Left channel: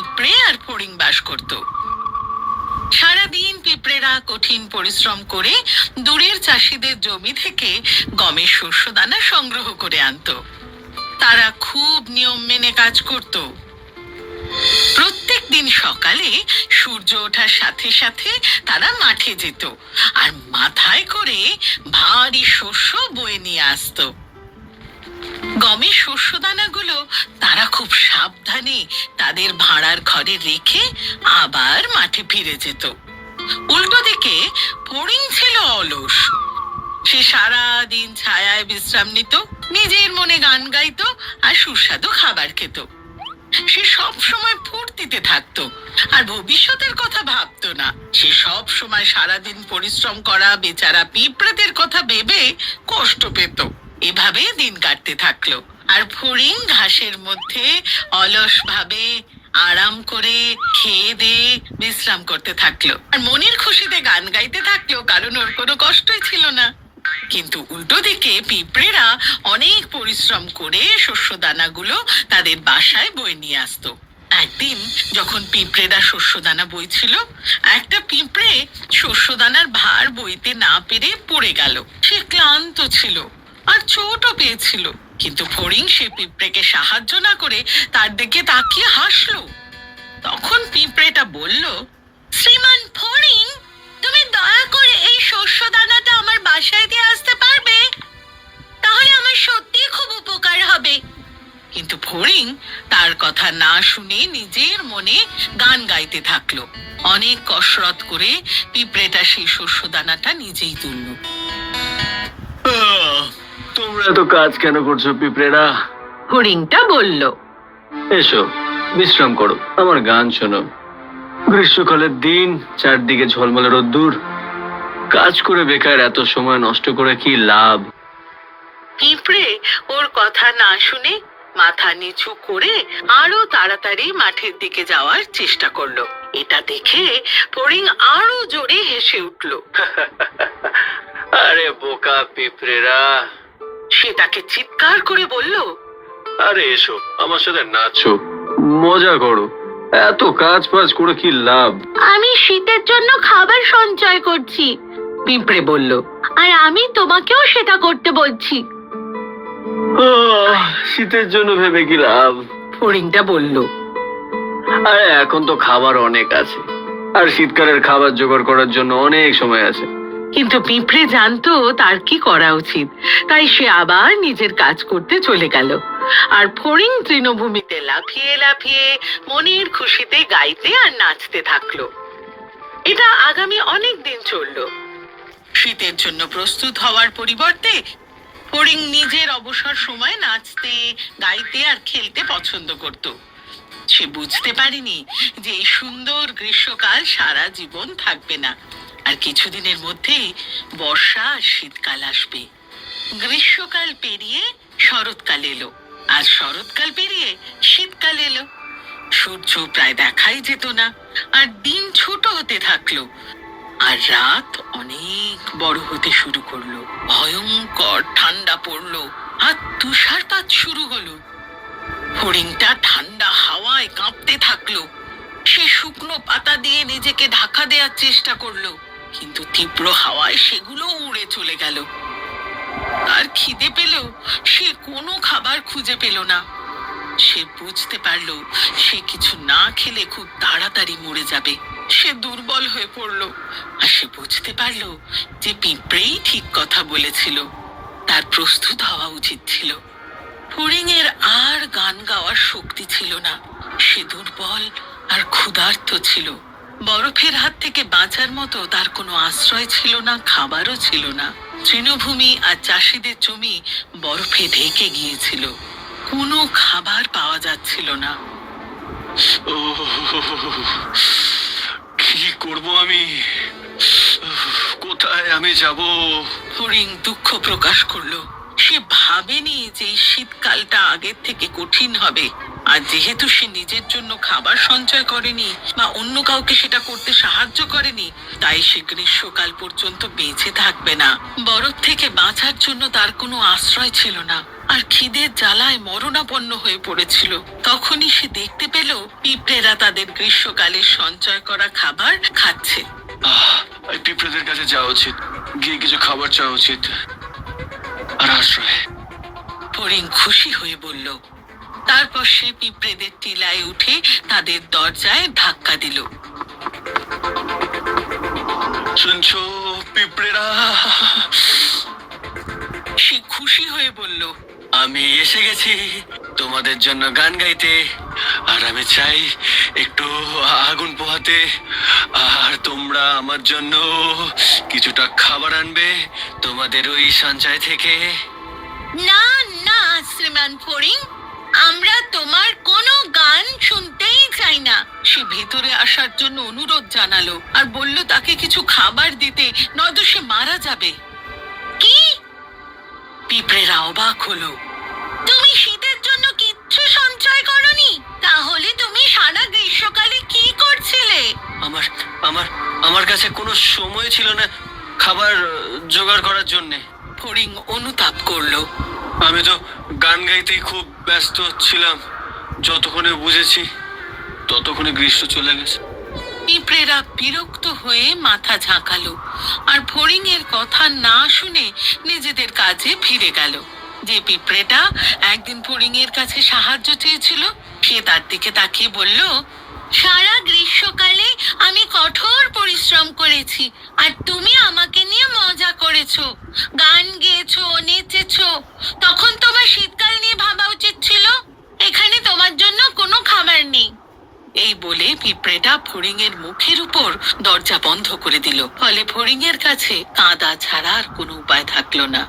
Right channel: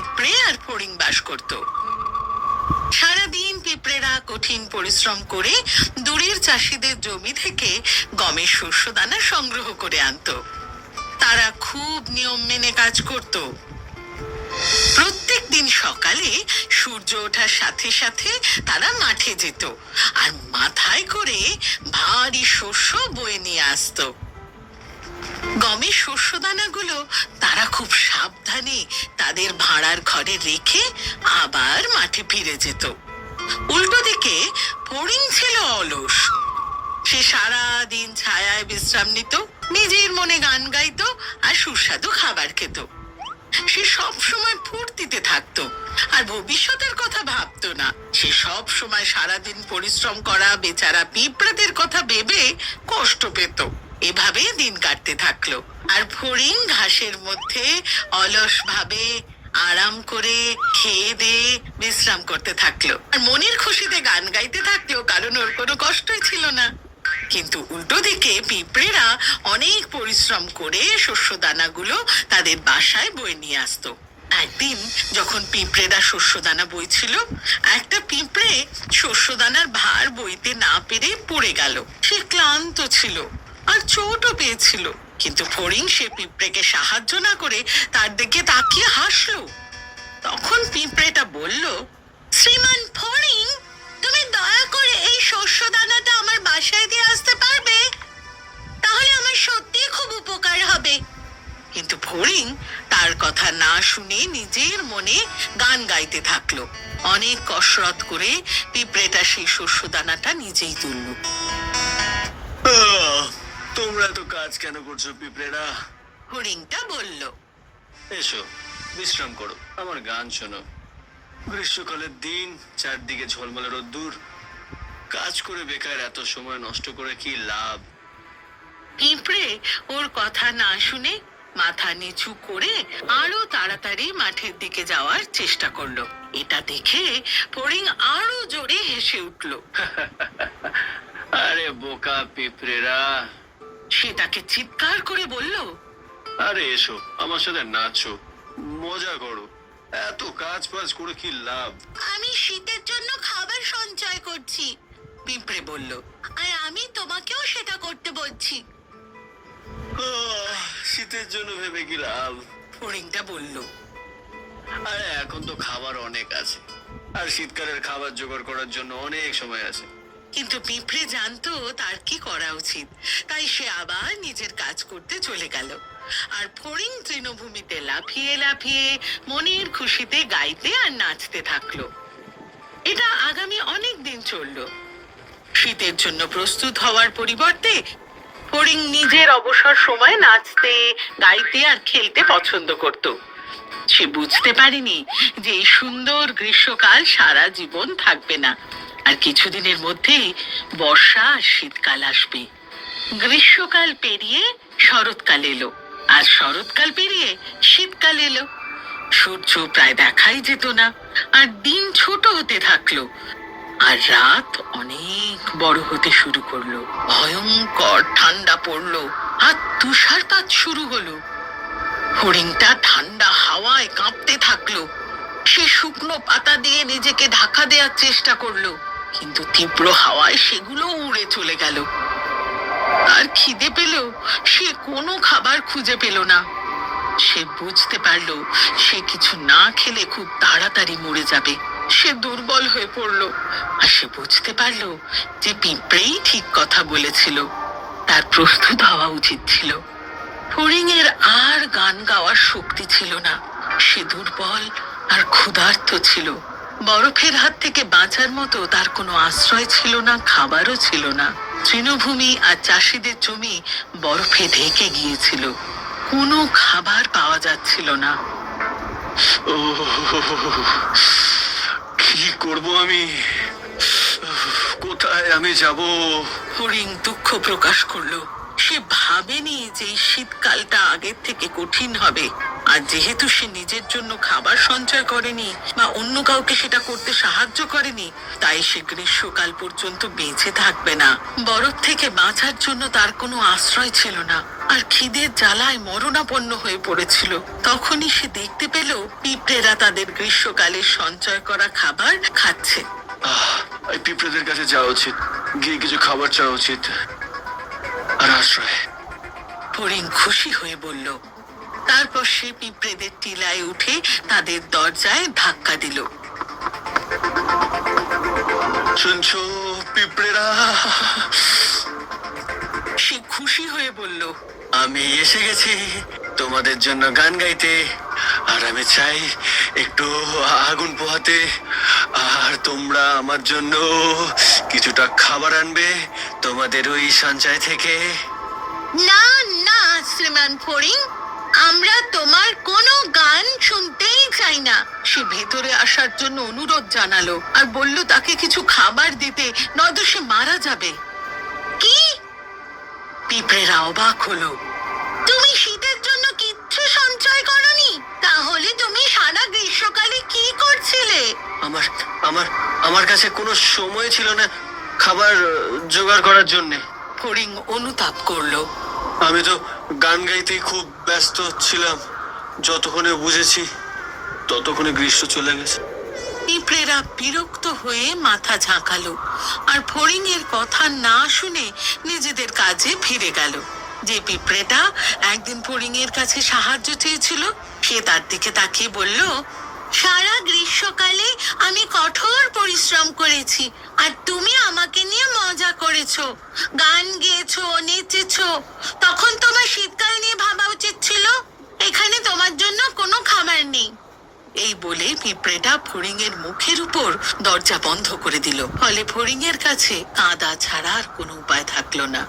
পিঁপড়ে আর ফড়িং বাস করত। সারাদিন পিঁপড়েরা কঠিন পরিশ্রম করে দূরের চাষিদের জমি থেকে গমের শস্য দানা সংগ্রহ করে আনতো। তারা খুব নিয়ম মেনে কাজ করত। প্রত্যেক দিন সকালে সূর্য ওঠার সাথে সাথে তারা মাঠে যেত আর মাথায় করে ভারী শস্য বয়ে নিয়ে আসতো। গমের শস্য দানাগুলো তারা খুব সাবধানে তাদের ভাড়ার ঘরে রেখে আবার মাঠে ফিরে যেত। উল্টো দিকে ফড়িং ছিল অলস। সে সারা দিন ছায়ায় বিশ্রাম নিত, নিজের মনে গান গাইতো আর সুস্বাদু খাবার খেত। সে সব সময় ফুর্তিতে থাকতো আর ভবিষ্যতের কথা ভাবতো না। সে সব সময় সারাদিন পরিশ্রম করা বেচারা পিঁপড়াদের কথা ভেবে কষ্ট পেত। এভাবে দিন কাটতে থাকলো আর ফড়িং ঘাসের মধ্যে অলস ভাবে আরাম করে খেয়ে দিয়ে বিশ্রাম করতে থাকলো আর মনের খুশিতে গান গাইতে থাকলো, কারণ ওর কোনো কষ্টই ছিল না। কিন্তু উল্টো দিকে পিঁপড়েরা অনেক পরিশ্রম করে শস্য দানাগুলো তাদের বাসায় বয়ে নিয়ে আসতো। একদিন যখন পিঁপড়েরা শস্য দানা বইছিল, একটা পিঁপড়ে শস্য দানার ভার বইতে না পেরে পড়ে গেল। সে ক্লান্ত ছিল আর চোটও পেয়েছিল, কিন্তু ফড়িং সে পিঁপড়েকে সাহায্য না করে তার দিকে তাকিয়ে হাসলো। তখন পিঁপড়েটা বলল, শ্রীমান ফড়িং, তুমি দয়া করে এই শস্য দানাটা আমার বাসায় দিয়ে আসতে পারবে? তাহলে আমার সত্যি খুব উপকার হবে। কিন্তু ফড়িং তার কথা না শুনে নিজের মনে গান গাইতে থাকলো। অনেক কসরত করে পিঁপড়েটা সেই শস্য দানাটা নিজেই তুলল। তোমরা এত কাজ কেন করছো পিঁপড়েরা? ফড়িংটা বলল, এসো বিশ্রাম করো, আমার গান শোনো। গ্রীষ্মকালের দিন, চারদিকে ঝলমলে রোদ্দুর, কাজ করে বেকার এত সময় নষ্ট করে কি লাভ? পিঁপড়ে ওর কথা না শুনে মাথা নিচু করে আরো তাড়াতাড়ি মাঠের দিকে যাওয়ার চেষ্টা করলো। এটা দেখে ফড়িং আরো জোরে হেসে উঠল। আরে বোকা পিঁপড়েরা! সে তাকে চিৎকার করে বলল, আরে এসো আমার সাথে নাচো, মজা করো। এত কাজ বাজ করে কি লাভ? আমি শীতের জন্য খাবার সঞ্চয় করছি, পিঁপড়ে বলল, আর আমি তোমাকেও সেটা করতে বলছি। শীতের জন্য ভেবে কি লাভ? ফড়িংটা বলল, আরে এখন তো খাবার অনেক আছে, আর শীতকালের খাবার জোগাড় করার জন্য অনেক সময় আছে। কিন্তু পিঁপড়ে জানতো তার কি করা উচিত, তাই সে আবার নিজের কাজ করতে চলে গেল। আর ফড়িং তৃণভূমিতে লাফিয়ে লাফিয়ে মনের খুশিতে গাইতে আর নাচতে থাকলো। এটা আগামী অনেক দিন চললো। শীতের জন্য প্রস্তুত হওয়ার পরিবর্তে ফড়িং নিজের অবসর সময় নাচতে, গাইতে আর খেলতে পছন্দ করত। সে বুঝতে পারেনি যে এই সুন্দর গ্রীষ্মকাল সারা জীবন থাকবে না, আর কিছুদিনের মধ্যেই বর্ষা আর শীতকাল আসবে। গ্রীষ্মকাল পেরিয়ে শরৎকাল এলো, আর শরৎকাল পেরিয়ে শীতকাল এলো। সূর্য প্রায় দেখাই যেত না, আর দিন ছোট হতে থাকলো, আর রাত অনেক বড় হতে শুরু করলো। ভয়ঙ্কর ঠান্ডা পড়লো আর তুষারপাত শুরু হলো। ফড়িংটা ঠান্ডা হাওয়ায় কাঁপতে থাকলো। সে শুকনো পাতা দিয়ে নিজেকে ঢাকা দেওয়ার চেষ্টা করলো, কিন্তু তীব্র হাওয়ায় সেগুলো উড়ে চলে গেল। আর খিদে পেল, সে কোনো খাবার খুঁজে পেল না। সে বুঝতে পারলো সে কিছু না খেলে খুব তাড়াতাড়ি মরে যাবে। সে দুর্বল হয়ে পড়লো, আর সে বুঝতে পারলো যে পিঁপড়েই ঠিক কথা বলেছিল, তার প্রস্তুত হওয়া উচিত ছিল। ফড়িং এর আর গান গাওয়ার শক্তি ছিল না। সে দুর্বল আর ক্ষুধার্ত ছিল। বরফের হাত থেকে বাঁচার মতো তার কোনো আশ্রয় ছিল না, খাবারও ছিল না। তৃণভূমি আর চাষিদের জমি বরফে ঢেকে গিয়েছিল, কোনো খাবার পাওয়া যাচ্ছিল না। কি করব আমি? কোথায় আমি যাব? ফড়িং দুঃখ প্রকাশ করলো। সে ভাবেনি যে এই শীতকালটা আগের থেকে কঠিন হবে, আর যেহেতু সে নিজের জন্য খাবার সঞ্চয় করেনি বা অন্য কাউকে সেটা করতে সাহায্য করেনি, তাই সে গ্রীষ্মকাল পর্যন্ত বেঁচে থাকবে না। বরফ থেকে বাঁচার জন্য তার কোনো আশ্রয় ছিল না, আর খিদের জ্বালায় মরণাপন্ন হয়ে পড়েছিল। তখনই সে দেখতে পেল পিঁপড়েরা তাদের গ্রীষ্মকালের সঞ্চয় করা খাবার খাচ্ছে। এই পিঁপড়েদের কাছে যাওয়া উচিত, গিয়ে কিছু খাবার চাওয়া উচিত আর আশ্রয়। ফড়িং খুশি হয়ে বলল। তারপর সে পিঁপড়েদের টিলায় উঠে তাদের দরজায় ধাক্কা দিল। শুনছো পিঁপড়েরা? সে খুশি হয়ে বলল, আমি এসে গেছি তোমাদের জন্য গান গাইতে, আর আমি চাই একটু আগুন পোহাতে, আর তোমরা আমার জন্য কিছুটা খাবার আনবে তোমাদের ওই সঞ্চয় থেকে। না না শ্রীমান ফড়িং, আমরা তোমার কোনো গান শুনতেই চাই না। সে ভেতরে আসার জন্য অনুরোধ জানালো আর বলল তাকে কিছু খাবার দিতে, নয়তো সে মারা যাবে। কি? পিঁপড়েরা অবাক হলো। তুমি শীতের জন্য কিচ্ছু সঞ্চয় করনি? তাহলে তুমি সারা গ্রীষ্মকালে কি করছিলে? আমার আমার আমার কাছে কোনো সময় ছিল না খাবার জোগাড় করার জন্য। ফড়িং অনুতাপ করলো। আমি তো গান গাইতেই খুব ব্যস্ত ছিলাম। যতক্ষণে বুঝেছি ততক্ষণে গ্রীষ্ম চলে গেছে। পিঁপড়েরা বিরক্ত হয়ে মাথা ঝাঁকালো আর ফড়িং এর কথা না শুনে নিজেদের কাজে ফিরে গেল। যে পিঁপড়েটা একদিন ফড়িং এর কাছে সাহায্য চেয়েছিল, সে তার দিকে তাকিয়ে বলল, সারা গ্রীষ্মকালে আমি কঠোর পরিশ্রম করেছি, আর তুমি আমাকে নিয়ে মজা করেছো, গান গেয়েছো, নেচেছো। তখন তোমার শীতকাল নিয়ে ভাবা উচিত ছিল। এখানে তোমার জন্য কোনো খাবার নেই। এই বলে পিঁপড়েটা ফড়িং এর মুখের উপর দরজা বন্ধ করে দিল। ফলে ফড়িং এর কাছে কাঁদা ছাড়া আর কোনো উপায় থাকলো না।